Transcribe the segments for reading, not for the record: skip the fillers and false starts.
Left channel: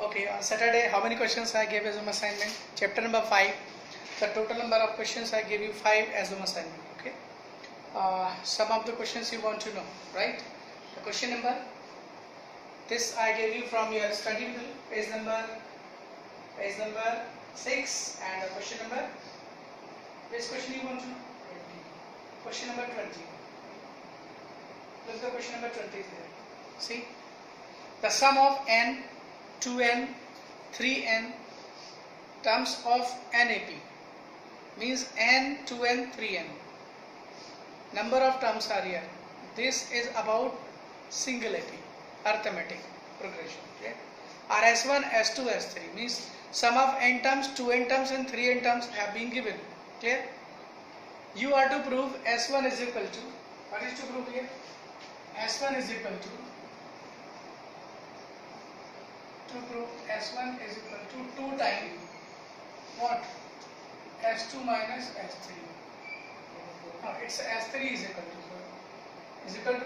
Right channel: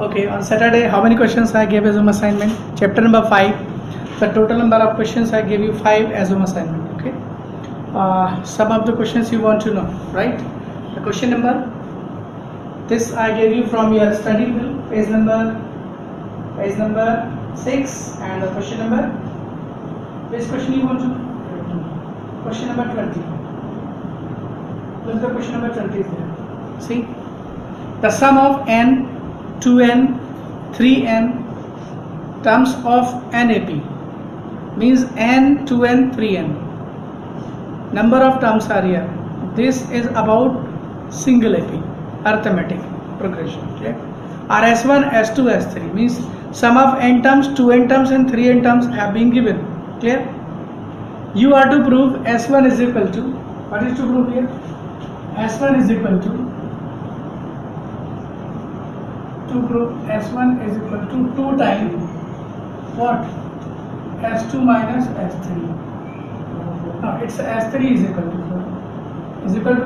Okay, on Saturday, how many questions I gave as an assignment? Chapter number 5. The total number of questions I gave you 5 as an assignment. Okay. Some of the questions you want to know, right? The question number. This I gave you from your study bill, page number 6, and the question number. Which question you want to know? Question number 20. Look, the question number 20 is there. See, the sum of n, 2n, 3n terms of NAP means n, 2n, 3n. Number of terms are here. This is about single AP, arithmetic progression. Okay? Our S1, S2, S3 means sum of n terms, 2n terms, and 3n terms have been given. Clear? You are to prove S1 is equal to, what is to prove here? S1 is equal to prove S1 is equal to 2 times what? S2 minus S3. No, it's S3 is equal to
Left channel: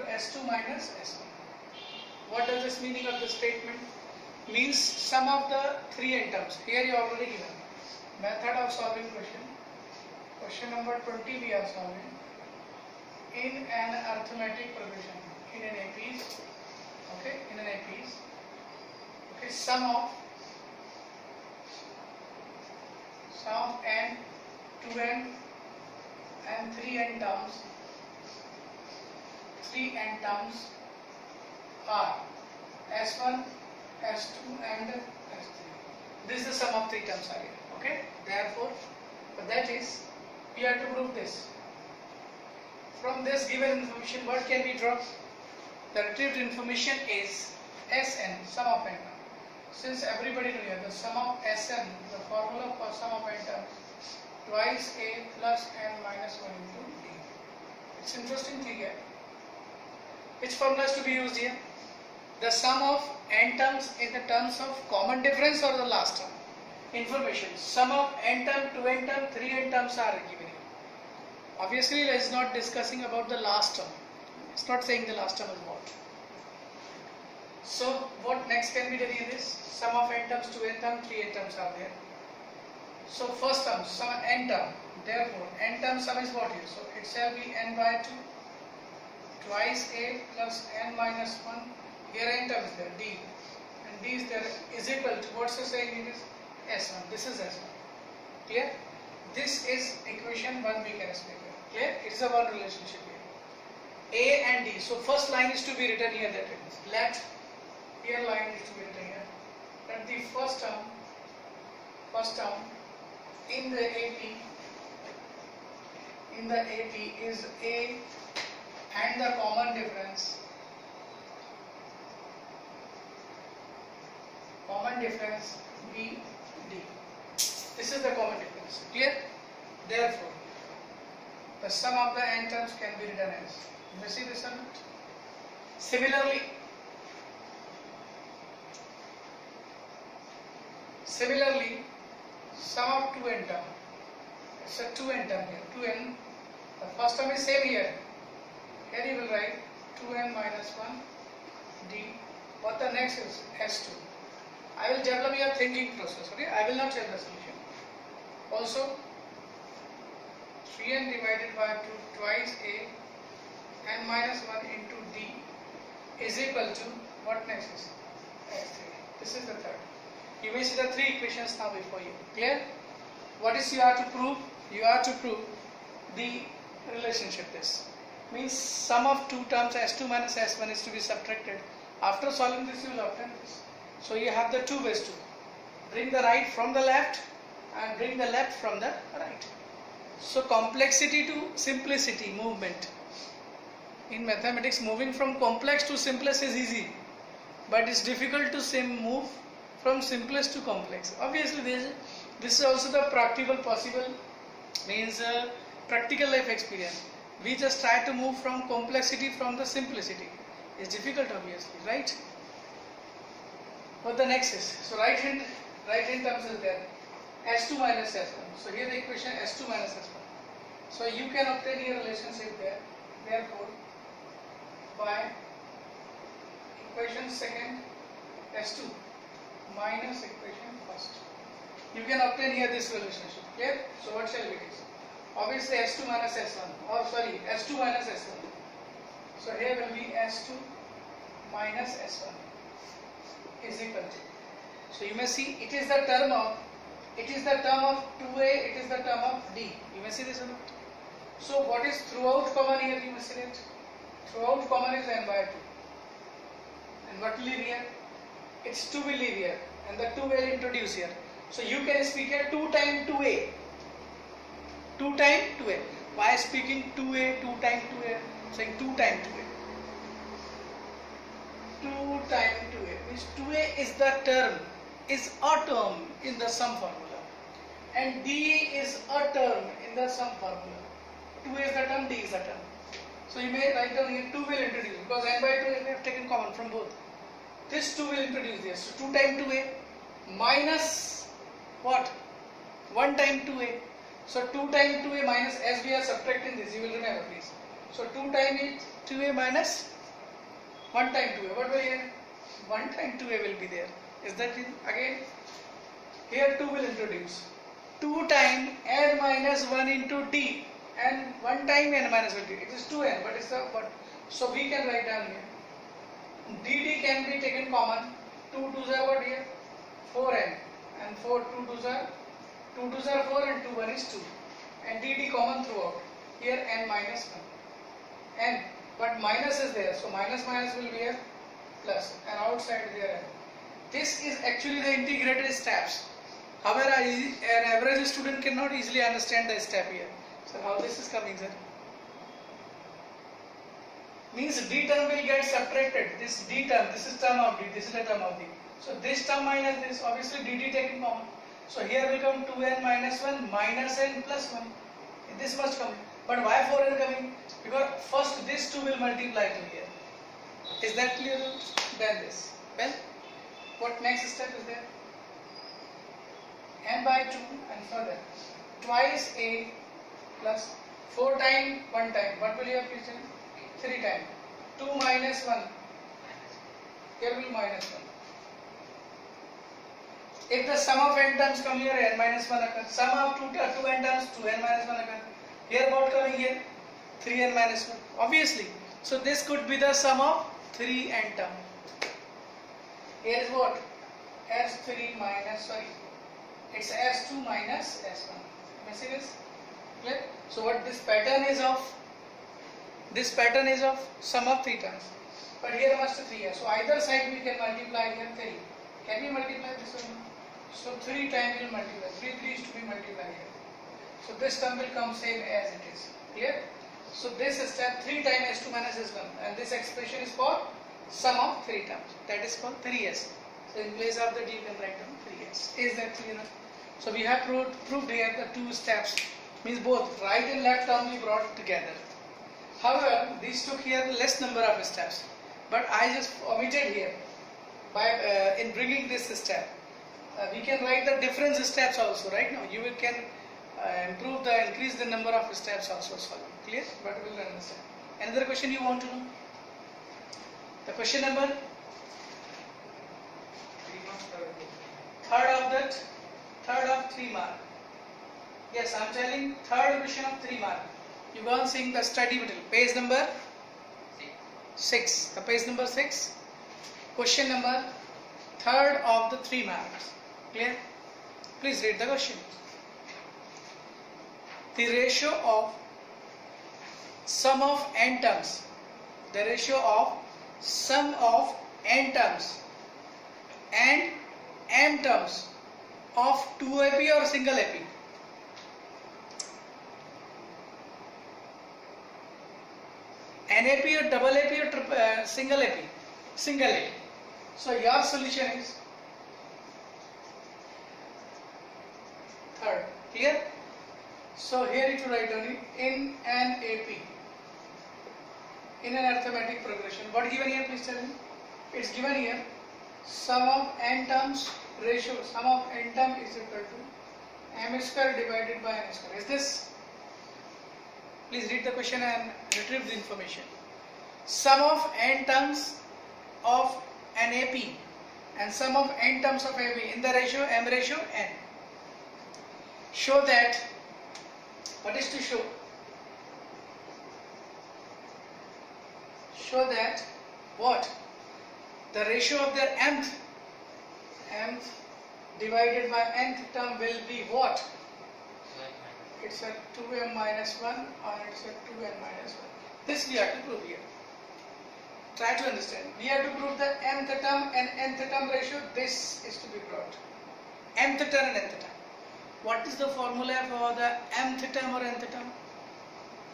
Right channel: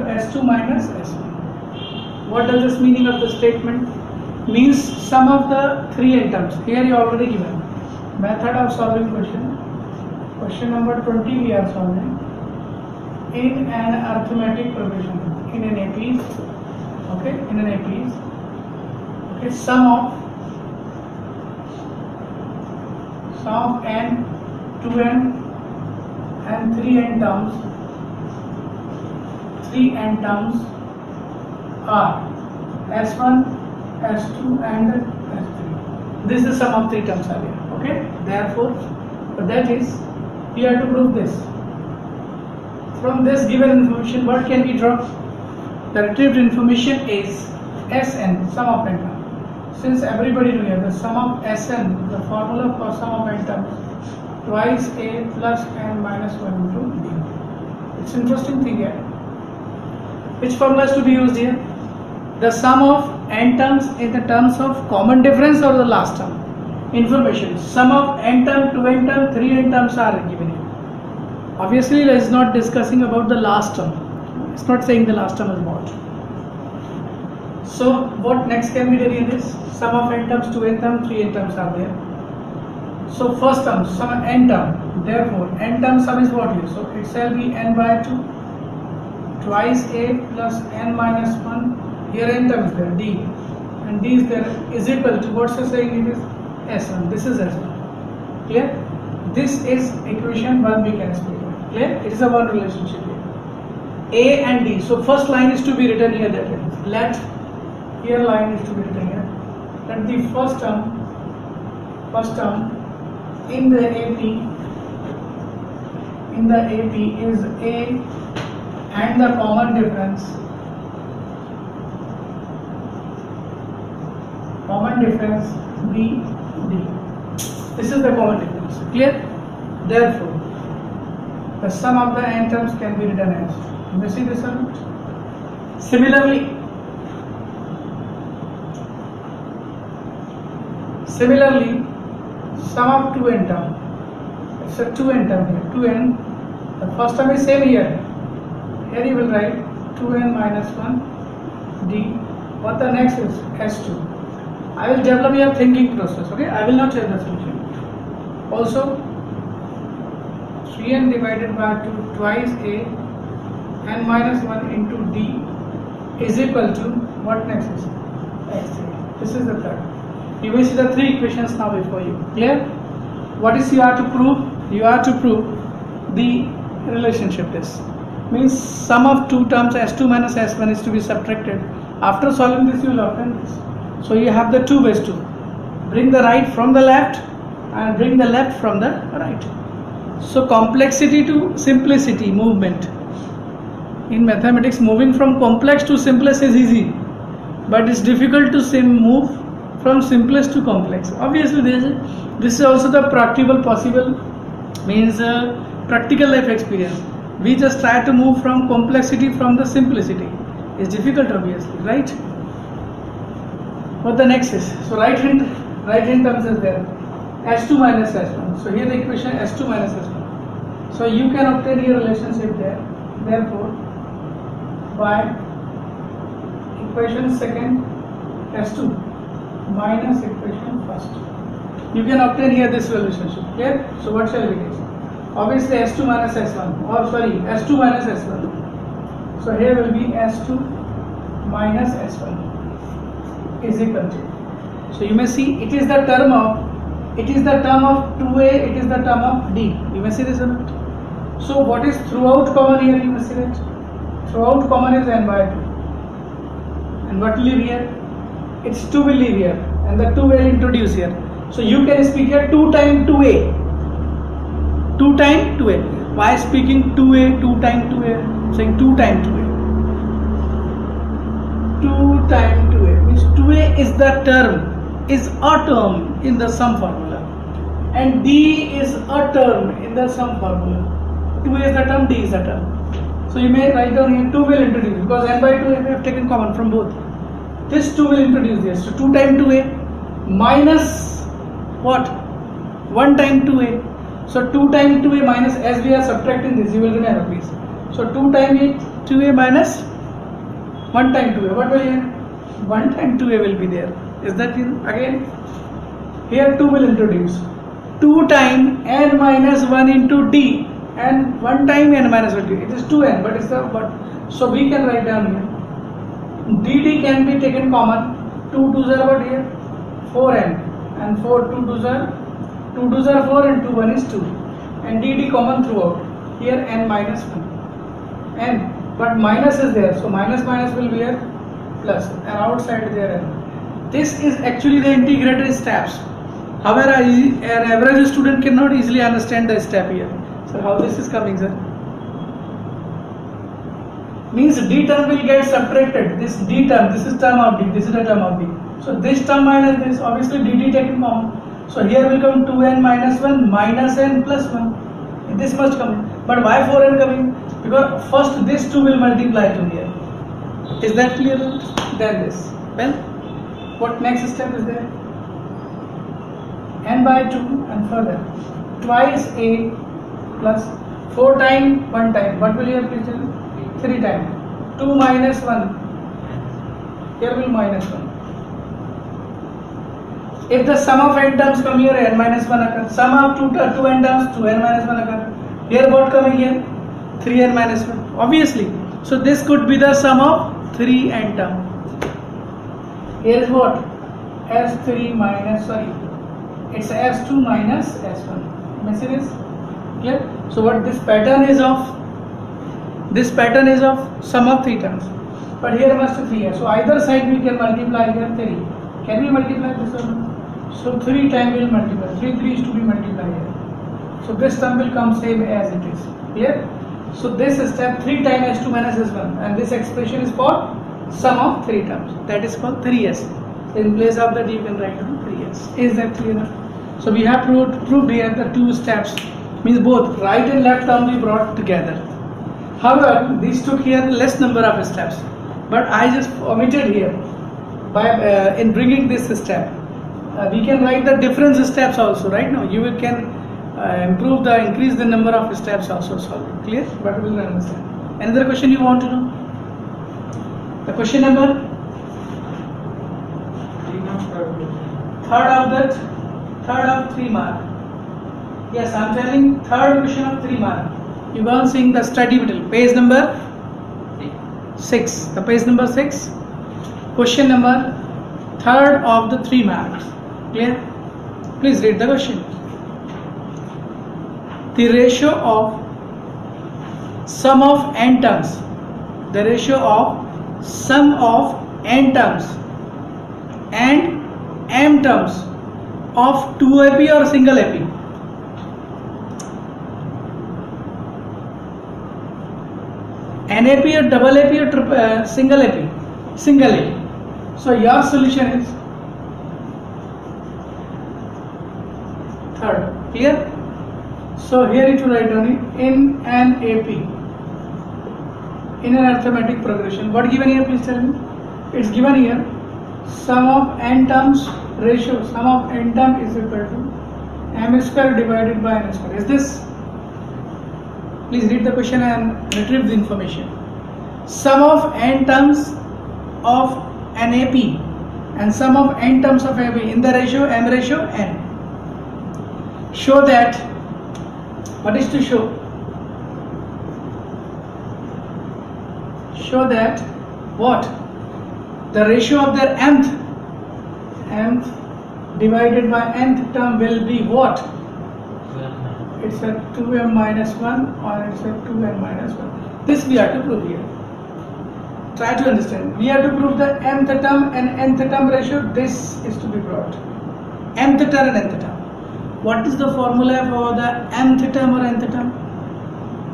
S2 minus S1. What does this meaning of the statement? Means sum of the 3n terms. Here you already given. Method of solving question. Question number 20 we are solving in an arithmetic progression. In an APs. Okay, in an APs. Okay, sum of n, 2n and 3n terms are S1, S2 and S3. This is the sum of 3 terms are here. Okay, therefore that is we have to prove this. From this given information, what can we draw? The retrieved information is Sn, sum of n terms. Since everybody know here the sum of Sn, the formula for sum of n terms, twice a plus n minus 1 into d. It's interesting thing here. Which formula is to be used here? The sum of n terms in the terms of common difference or the last term? Information. Sum of n term, 2n term, 3n terms are given here. Obviously, it is not discussing about the last term. It's not saying the last term is what. So, what next can be done in this? Sum of n terms, 2n term, 3n terms are there. So, first term, sum of n term. Therefore, n term sum is what here? So, it shall be n by 2 twice a plus n minus 1. Here n term is there, d. And d is there is equal to, what's it saying it is? S1. This is S1. Clear? This is equation 1 we can speak of. Clear? It is a one relationship here. A and D. So first line is to be written here, that is. Let here line is to be written here. Let the first term in the AP is A and the common difference B, D. This is the common difference. Clear? Therefore, the sum of the n terms can be written as. You see this or not? Similarly, sum of 2n term. It's a 2n term here. 2n. The first term is same here. Here you will write 2n minus 1 d. What the next is? S2. I will develop your thinking process. Okay, I will not tell the solution. Also, 3n divided by 2 twice a n minus 1 into d is equal to, what next is? x3. This is the third. You will see the 3 equations now before you. Clear? What is you have to prove? You have to prove the relationship. This means sum of 2 terms S2 minus S1 is to be subtracted. After solving this, you will obtain this. So you have the 2 ways to bring the right from the left and bring the left from the right. So complexity to simplicity movement. In mathematics, moving from complex to simplest is easy, but it's difficult to move from simplest to complex. Obviously, this is also the practical possible, means practical life experience. We just try to move from complexity from the simplicity. It's difficult, obviously, right? What the next is? So right hand terms is there. S2 minus S1. So here the equation S2 minus S1. So you can obtain your relationship there. Therefore, by equation second S2 minus equation first. You can obtain here this relationship. Clear? So what shall we take? Obviously S2 minus S1, or sorry, S2 minus S1. So here will be S2 minus S1 is equal to. So you may see it is the term of 2a, it is the term of d. You may see this one. So what is throughout common here? You may see that throughout common is n by 2. And what will leave here? It's 2 will leave here, and the 2 will introduce here. So you can speak here 2 times 2a. 2 times 2a. Why speaking 2a, 2 times 2a? Saying 2 times 2a. 2 times 2a means 2a is the term, is a term in the sum formula, and d is a term in the sum formula. 2a is the term, d is the term. So you may write down here 2 will introduce, because n by 2 we have taken common from both. This 2 will introduce this. So 2 times 2a minus what? 1 times 2a. So 2 times 2a minus, as we are subtracting this, you will remember please. So 2 times 2a minus 1 times 2a. What will here? 1 times 2a will be there. Is that in again? Here 2 will introduce. 2 times n minus 1 into d, and 1 time n minus 1 d. It is 2n, but it's the but. So we can write down here. dd can be taken common. 2 2s are what here? 4n, and 4 2 2s are 4 and 2 1 is 2, and dd common throughout. Here n minus 1, n, but minus is there, so minus minus will be a plus, and outside there n. This is actually the integrated steps. However, an average student cannot easily understand the step here. So how this is coming, sir? Means d term will get subtracted. This d term, this is term of d, this is the term of d. So this term minus this, obviously dd taken common. So here will come 2n minus 1 minus n plus 1. This must come. But why 4n coming? Because first this 2 will multiply to here. Is that clear? Then this. Well, what next step is there? N by 2 and further. Twice a plus 4 times 1 time. What will you have to do? 3 times. 2 minus 1. Here will minus 1. If the sum of n terms come here, n minus 1 occurs. Sum of 2n terms, 2n minus 1 occurs. Here what coming here? 3n minus 1. Obviously. So this could be the sum of 3n term. Here is what? S3 minus, sorry. It's S2 minus S1. You see this? Clear? So what this pattern is of? This pattern is of sum of 3 terms. But here must be 3 here. So either side we can multiply here 3. Can we multiply this one? So 3 times will multiply. 3 is to be multiplied here. So this term will come same as it is. Clear? So this is step 3 times S2 minus S1, and this expression is for sum of 3 terms. That is called 3s. So in place of that you can write down 3s. Is that clear? So we have proved here the 2 steps. Means both right and left term we brought together. However, these took here less number of steps. But I just omitted here by in bringing this step. We can write the different steps also, right? Now you can increase the number of steps also solve. Clear? But we will understand. Another question you want to know? The question number? Third of 3 mark. Yes, I am telling third question of 3 mark. You go on seeing the study material. Page number 6. The page number 6. Question number third of the 3 marks. Clear? Please read the question. The ratio of sum of n terms. The ratio of sum of n terms and m terms of 2 AP or single AP. NAP or double AP or single AP? Single AP. So your solution is third. Clear? So here it will write down in an AP, in an arithmetic progression. What given here, please tell me? It's given here sum of n terms ratio. Sum of n term is equal to m square divided by n square. Is this? Please read the question and retrieve the information. Sum of n terms of an AP and sum of n terms of m in the ratio m ratio n. Show that, what is to show? Show that what? The ratio of their nth divided by nth term will be what? It's a 2m minus 1 or it's a 2n minus 1. This we have to prove here. Try to understand. We have to prove the nth term and nth term ratio. This is to be brought. Nth term and nth term. What is the formula for the nth term or nth term?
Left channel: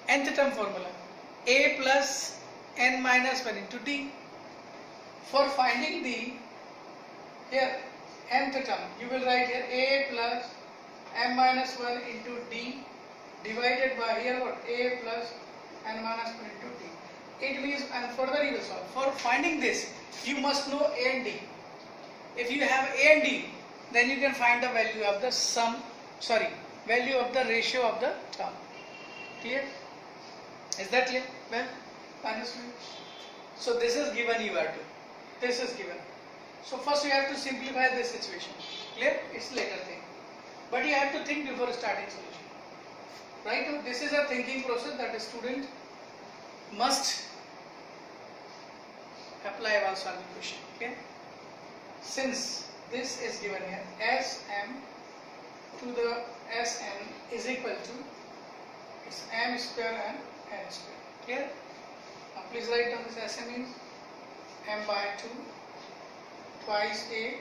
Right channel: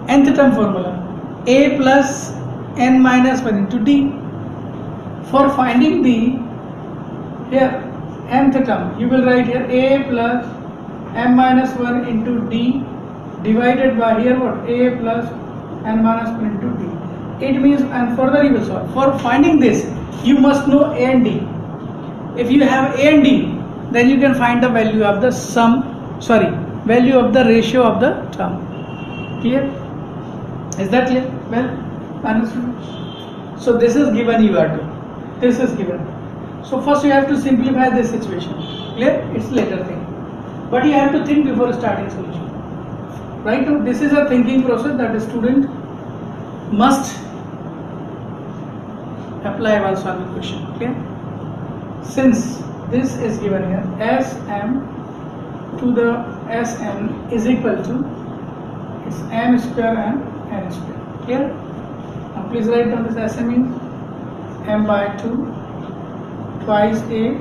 Nth term formula. A plus n minus 1 into d. For finding the here nth term, you will write here a plus m minus 1 into d divided by here what? A plus n minus 1 into d. It means, and further you will solve. For finding this, you must know a and d. If you have a and d, then you can find the value of the value of the ratio of the term. Clear? Is that clear? Well, understood? So this is given, you are to. This is given. So first you have to simplify this situation. Clear? It's later thing. But you have to think before starting solution. Right now, this is a thinking process that a student must apply while solving question. Clear? Since this is given here, Sm to the Sn is equal to it's m square and n square. Clear? Now please write down this Sm is m by 2 twice a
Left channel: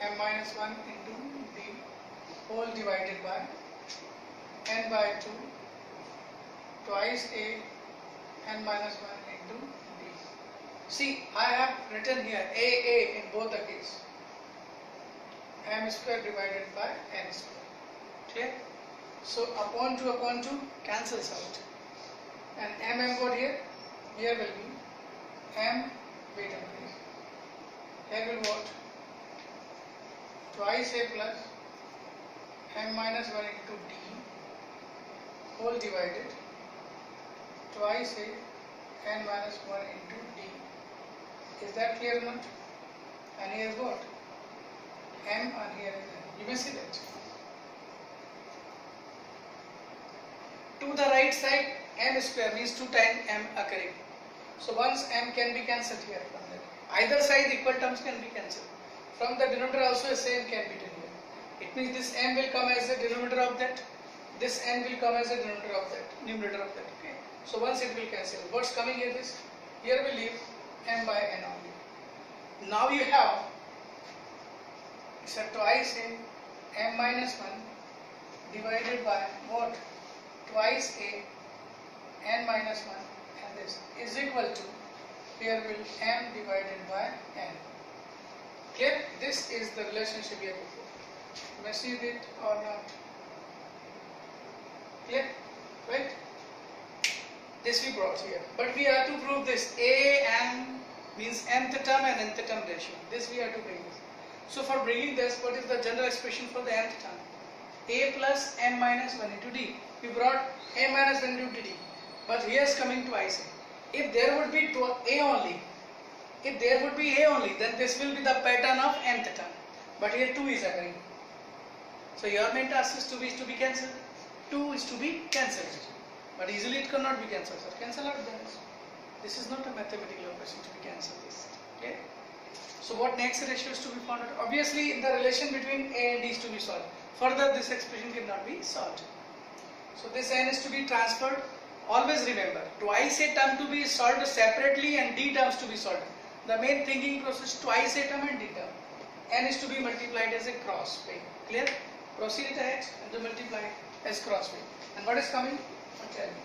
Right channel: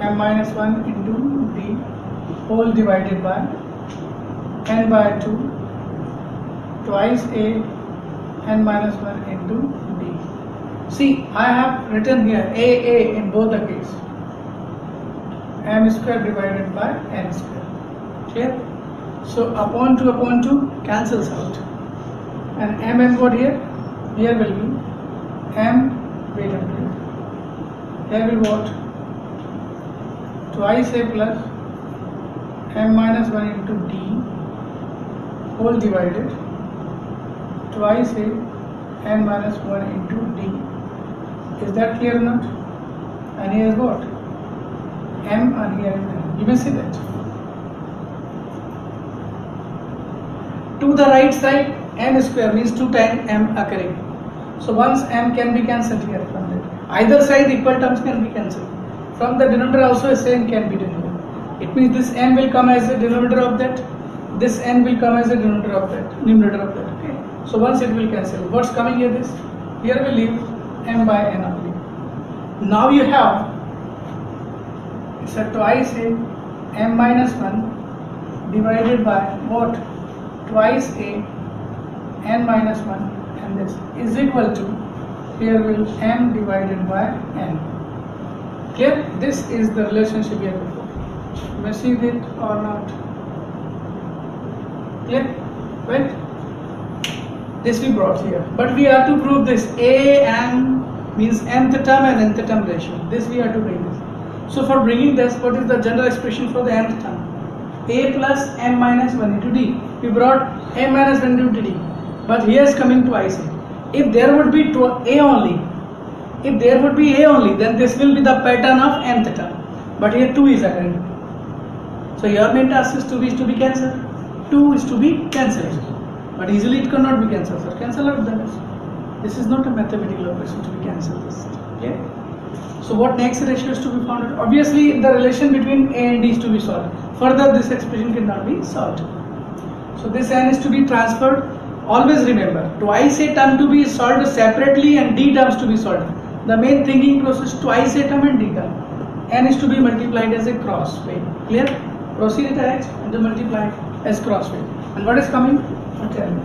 m minus 1 into d whole divided by n by 2 twice a n minus 1 into d. See, I have written here a in both the case. M square divided by n square. Clear? So upon 2 cancels out. And m what here? Here will be m, wait a minute. Here will be what? Twice a plus m minus 1 into d whole divided twice a n minus 1 into d. Is that clear or not? And here is what? M and here is n. You may see that. To the right side, m square means 2 times m occurring. So once m can be cancelled here from that. Either side equal terms can be cancelled. From the denominator also a same can be denominator. It means this m will come as a denominator of that. This n will come as a denominator of that, numerator of that. Okay. So once it will cancel. What's coming here? This. Here we leave m by n only. Now you have it's a twice a m minus 1 divided by what? Twice a n minus 1 and this is equal to here will m divided by n. Clear? This is the relationship here before. You may see it or not. Clear? Right? This we brought here. But we have to prove this. A and means nth term and nth term ratio. This we have to bring this. So for bringing this, what is the general expression for the nth term? A plus m minus 1 into d. We brought m minus 1 into d. But here is coming twice a. If there would be a only, then this will be the pattern of nth term. But here 2 is occurring. So your main task is to be cancelled. 2 is to be cancelled. But easily it cannot be cancelled. So cancel out the rest. This is not a mathematical operation to be cancelled. Okay? So what next ratio is to be found? Obviously the relation between a and d is to be solved. Further this expression cannot be solved. So this n is to be transferred. Always remember, twice a term to be solved separately and d terms to be solved. The main thinking process twice a term and d term. N is to be multiplied as a cross way. Clear? Proceed it ahead and then multiply as cross way. And what is coming? Tell me.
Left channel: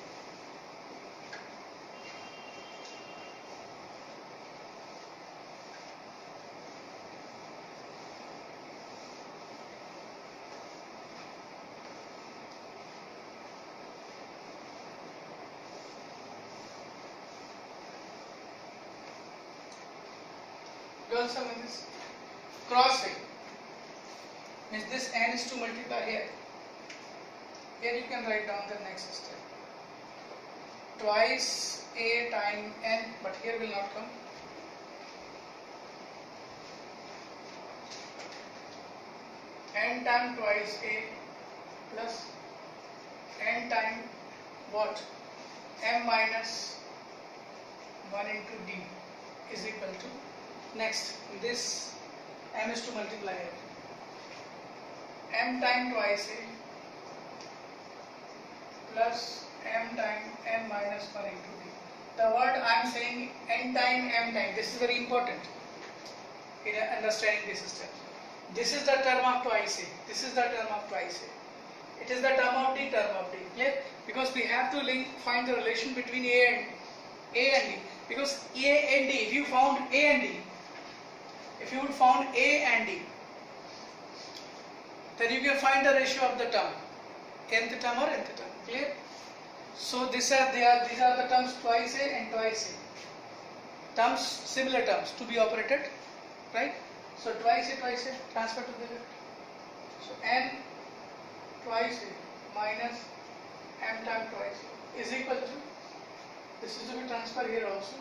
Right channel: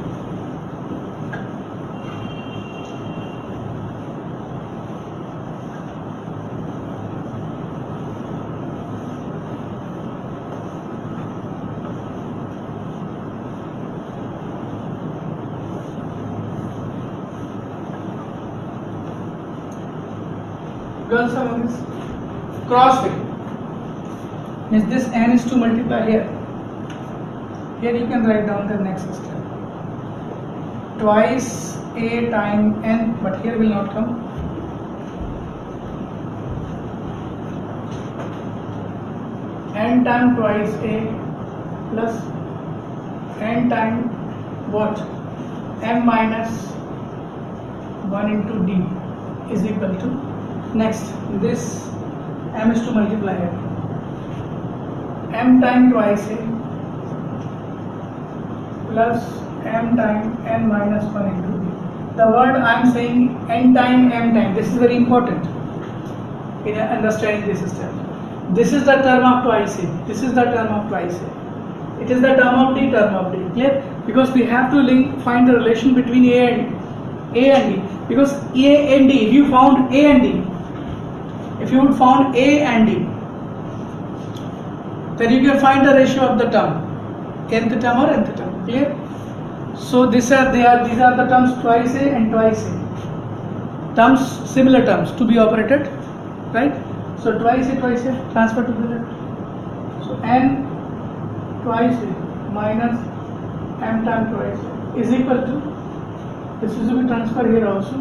Girls are on this cross way. Means this n is to multiply here. Here you can write down the next step. Twice a time n, but here will not come. n time twice a plus n time what, m minus 1 into d is equal to, next this m is to multiply it, m time twice a plus m time n minus 1 into d. The word I am saying n time m time, this is very important in understanding this system. This is the term of twice a, this is the term of twice a, it is the term of d, term of d, clear? Because we have to find the relation between a and d, because a and d, if you found a and d, if you would found a and d, then you can find the ratio of the term, nth term or nth term, clear? So these are the terms twice a and twice a, terms, similar terms to be operated, right? So twice a transfer to the left, so n twice a minus m time twice a is equal to, this is to be transferred here also,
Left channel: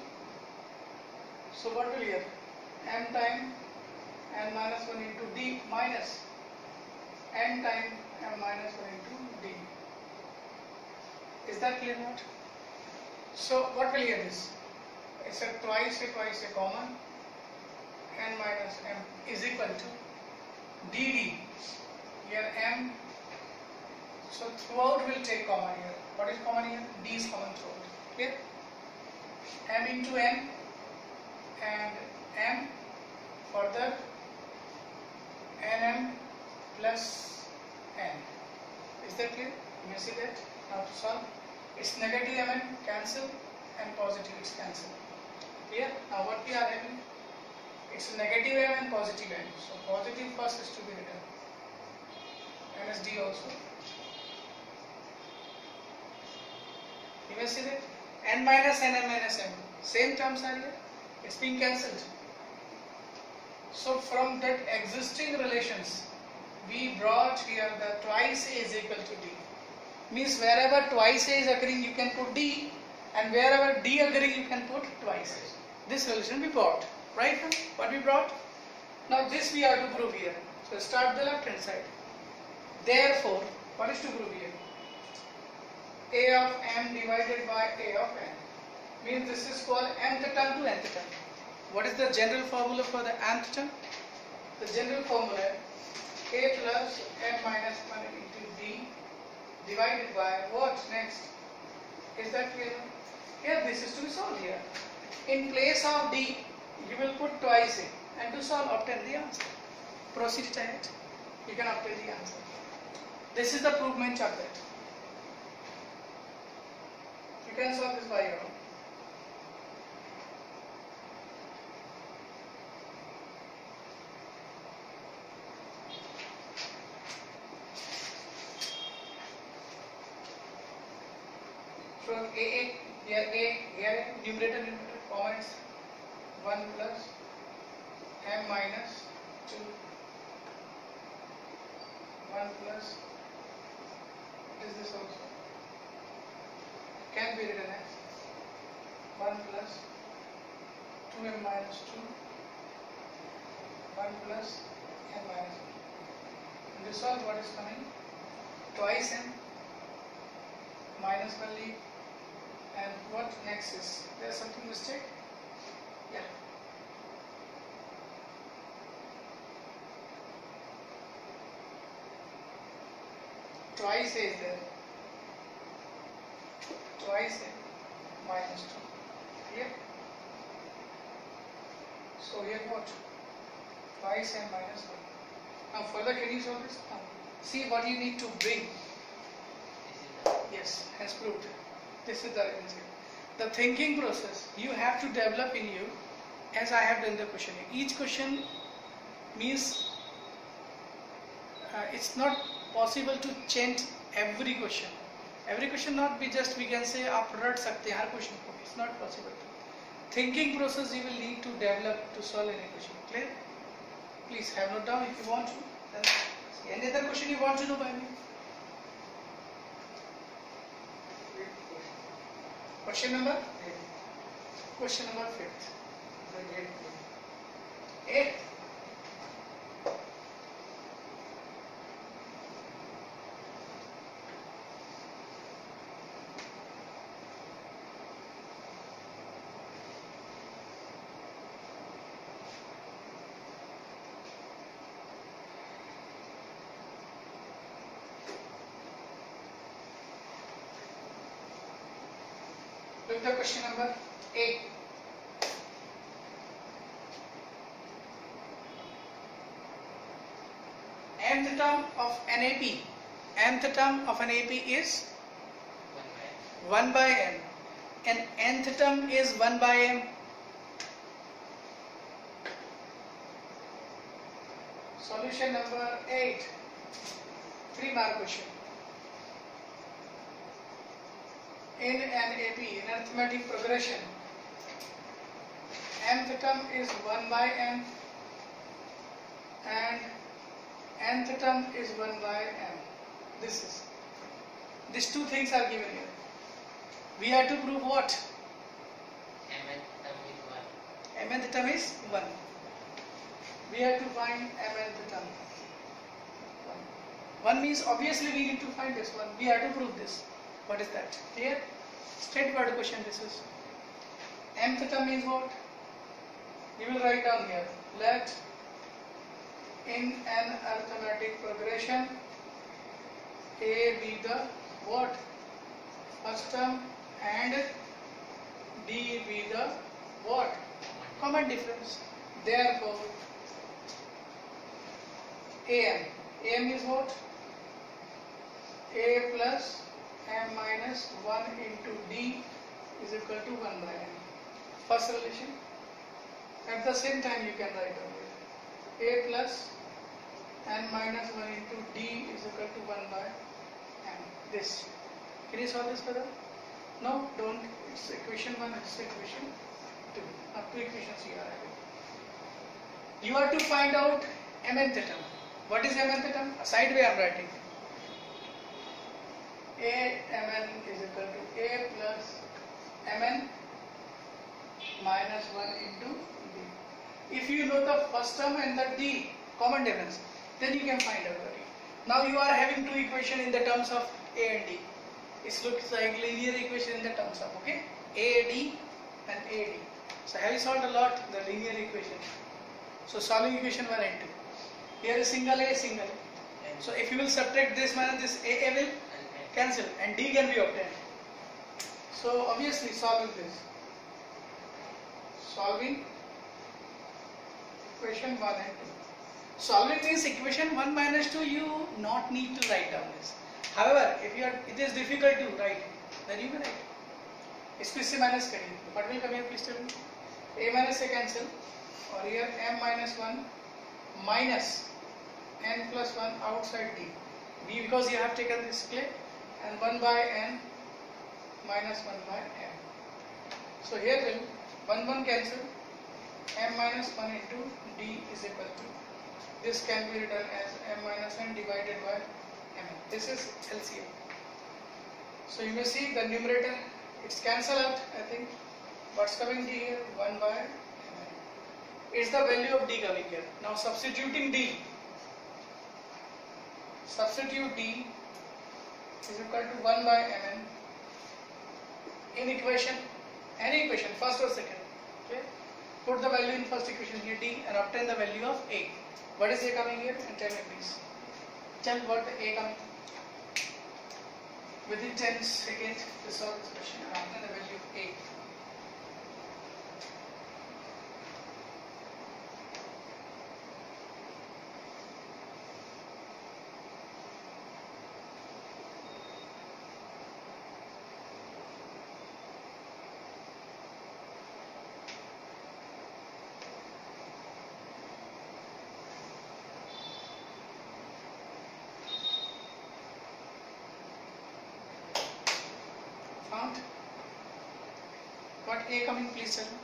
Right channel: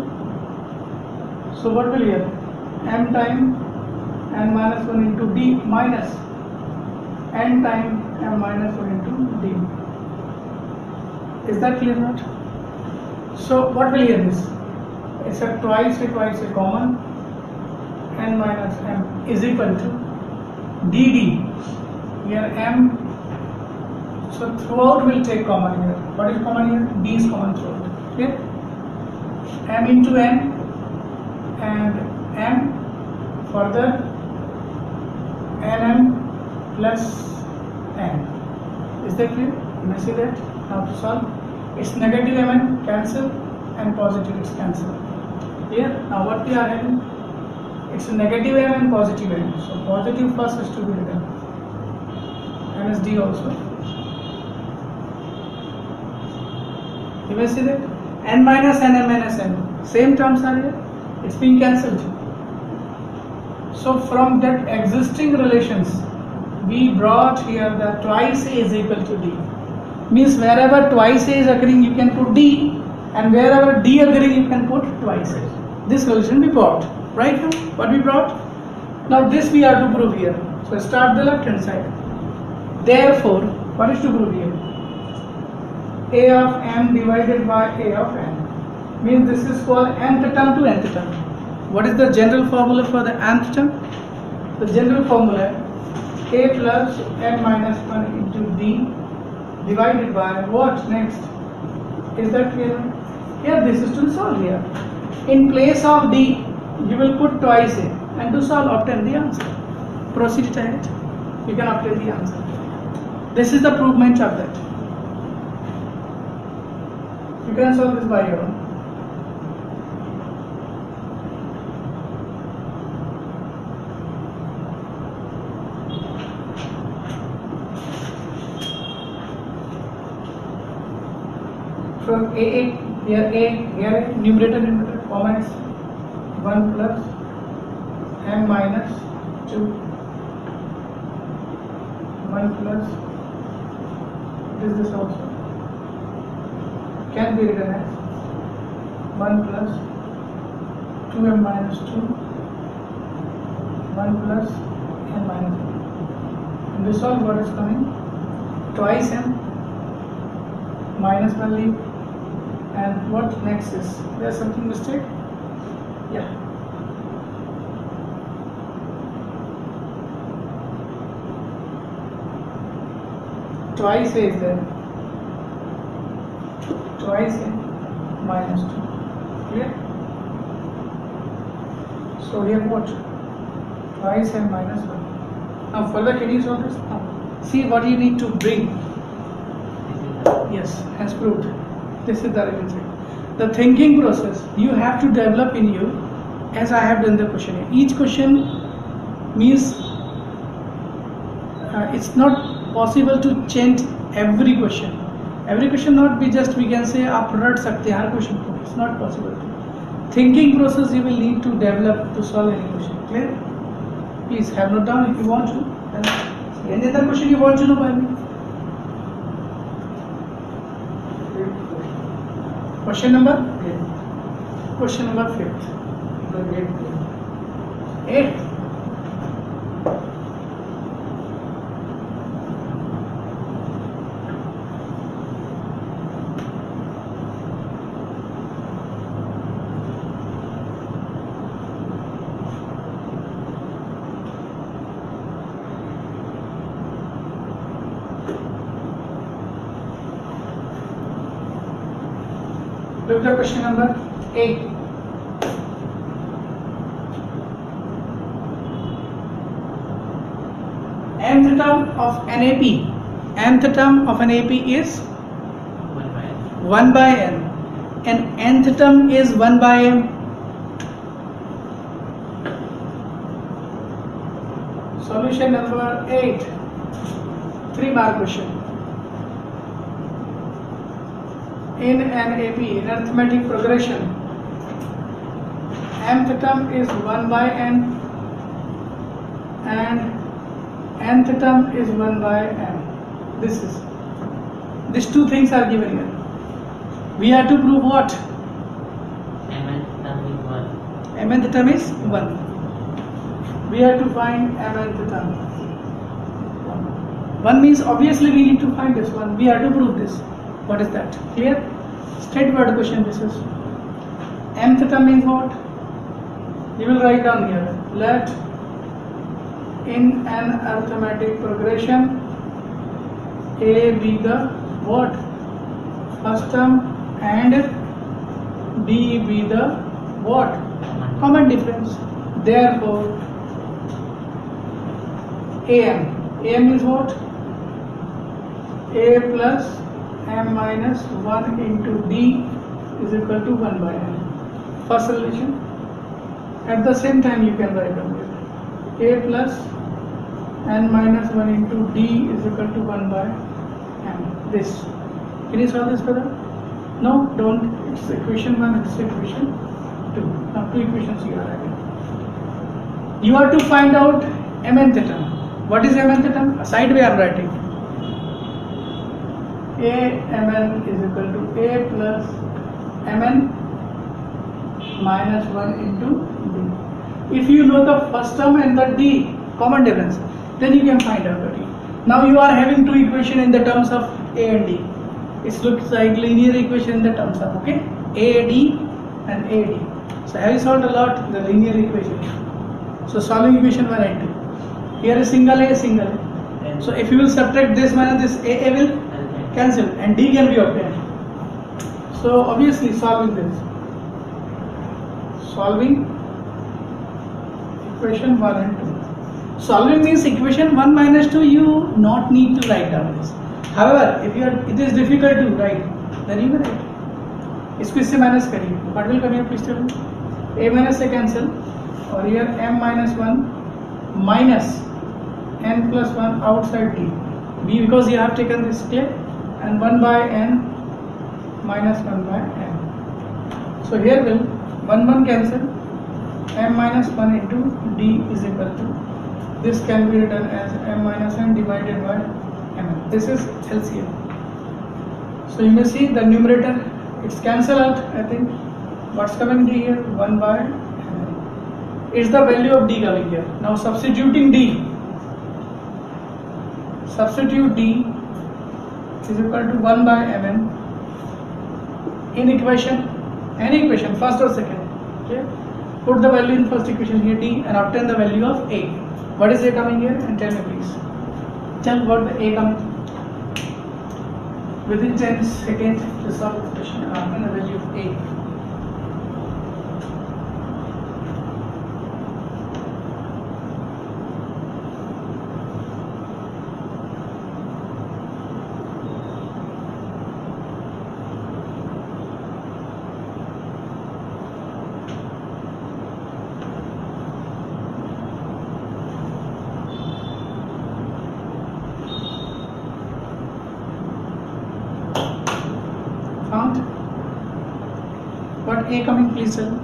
so what will here, m time n minus 1 into d minus n time m minus 1 into d. Is that clear or not? So what will here this? It's a twice a common, n minus m is equal to dd, here m, so throughout will take common here. What is common here? D is common throughout, okay? M into n and m, further nm plus n. Is that clear? You may see that. Now to solve, it's negative mn cancel and positive it's cancel. Clear? Now what we are having? It's a negative m and positive n. So positive first is to be written. M is d also. You may see that n minus n, m minus m, same terms are here. It's being cancelled. So from that existing relations, we brought here that twice a is equal to d. Means wherever twice a is occurring, you can put d, and wherever d occurring, you can put twice a. This solution we brought. Right now, what we brought? Now this we have to prove here. So start the left hand side. Therefore, what is to prove here? A of m divided by a of n. Means this is for nth term to nth term. What is the general formula for the nth term? The general formula, a plus n minus 1 into d divided by what next? Is that clear? Here this is to be solved here. In place of d, you will put twice a, and to solve obtain the answer. Proceed to it. You can obtain the answer. This is the provement of that. You can solve this by your own. From a here numerator common is 1 plus m minus 2, 1 plus this also can be written as 1 plus 2m minus 2, 1 plus m minus 1. And this all what is coming? Twice m minus 1 leave. And what next is? There's something mistake? Yeah. Twice a is there. Twice a minus 2. Clear? So here what? Twice a minus 1. Now further can you solve this? Now see what you need to bring. Yes, hence proved. This is the right answer. The thinking process you have to develop in you, as I have done the question. Each question means it's not possible to change every question. Every question not be just we can say आप रट सकते हैं हर question को. It's not possible. Thinking process you will need to develop to solve any question. Clear? Please have note down if you want to. Then any other question you want to know by me? Question number 8. Question number 5. 8. Look at question number 8. Nth term of an AP. Nth term of an AP is 1 by n. And nth term is 1 by m. Solution number 8. 3-mark question. In an AP, in arithmetic progression, nth term is 1 by n and nth term is 1 by m. These two things are given here. We have to prove what? mth term is 1. Mth term is 1. We have to find mth term. 1 means obviously we need to find this one. We have to prove this. What is that? Clear? Straightforward question this is. Mth term means what? You will write down here. Let in an arithmetic progression A be the what? First term and D be the what? Common difference. Therefore AM is what? A plus m minus 1 into D is equal to 1 by n. First relation. At the same time you can write down it. A plus n minus 1 into D is equal to 1 by m. This. Can you solve this, brother? No, don't. It's equation 1, it's equation 2. Now 2 equations you are having. You have to find out mth term. What is mth term? A side way I am writing. A mn is equal to A plus mn minus 1 into D. If you know the first term and the D, common difference, then you can find out the D. Now you are having two equations in the terms of A and D. It looks like linear equation in the terms of, okay, AD and AD. So have you solved a lot the linear equation? So solving equation 1 and 2. Here is single A, single A. So if you will subtract this minus this, A will cancel and D can be obtained. So obviously solving this. Solving equation 1 and 2. Solving means equation 1 minus 2 you not need to write down this. However, if it is difficult to write, then you may write. इसको इससे minus करिए. What will come here? Please tell me. A minus A cancel, और here m minus 1 minus n plus 1 outside D. B because you have taken this clear, and 1 by n minus 1 by m. So here will 1 cancel, m minus 1 into D is equal to, this can be written as m minus n divided by m. This is LCM. So you may see the numerator, it's cancel out. I think what's coming D here? 1 by m. It's the value of D coming here. Now substituting D. Substitute D is equal to 1 by mn in equation, any equation, first or second. Okay. Put the value in first equation here D and obtain the value of A. What is A coming here? And tell me please. Tell what the A coming. Within 10 seconds to solve this question and obtain the value of A. Found? What A coming, please tell me.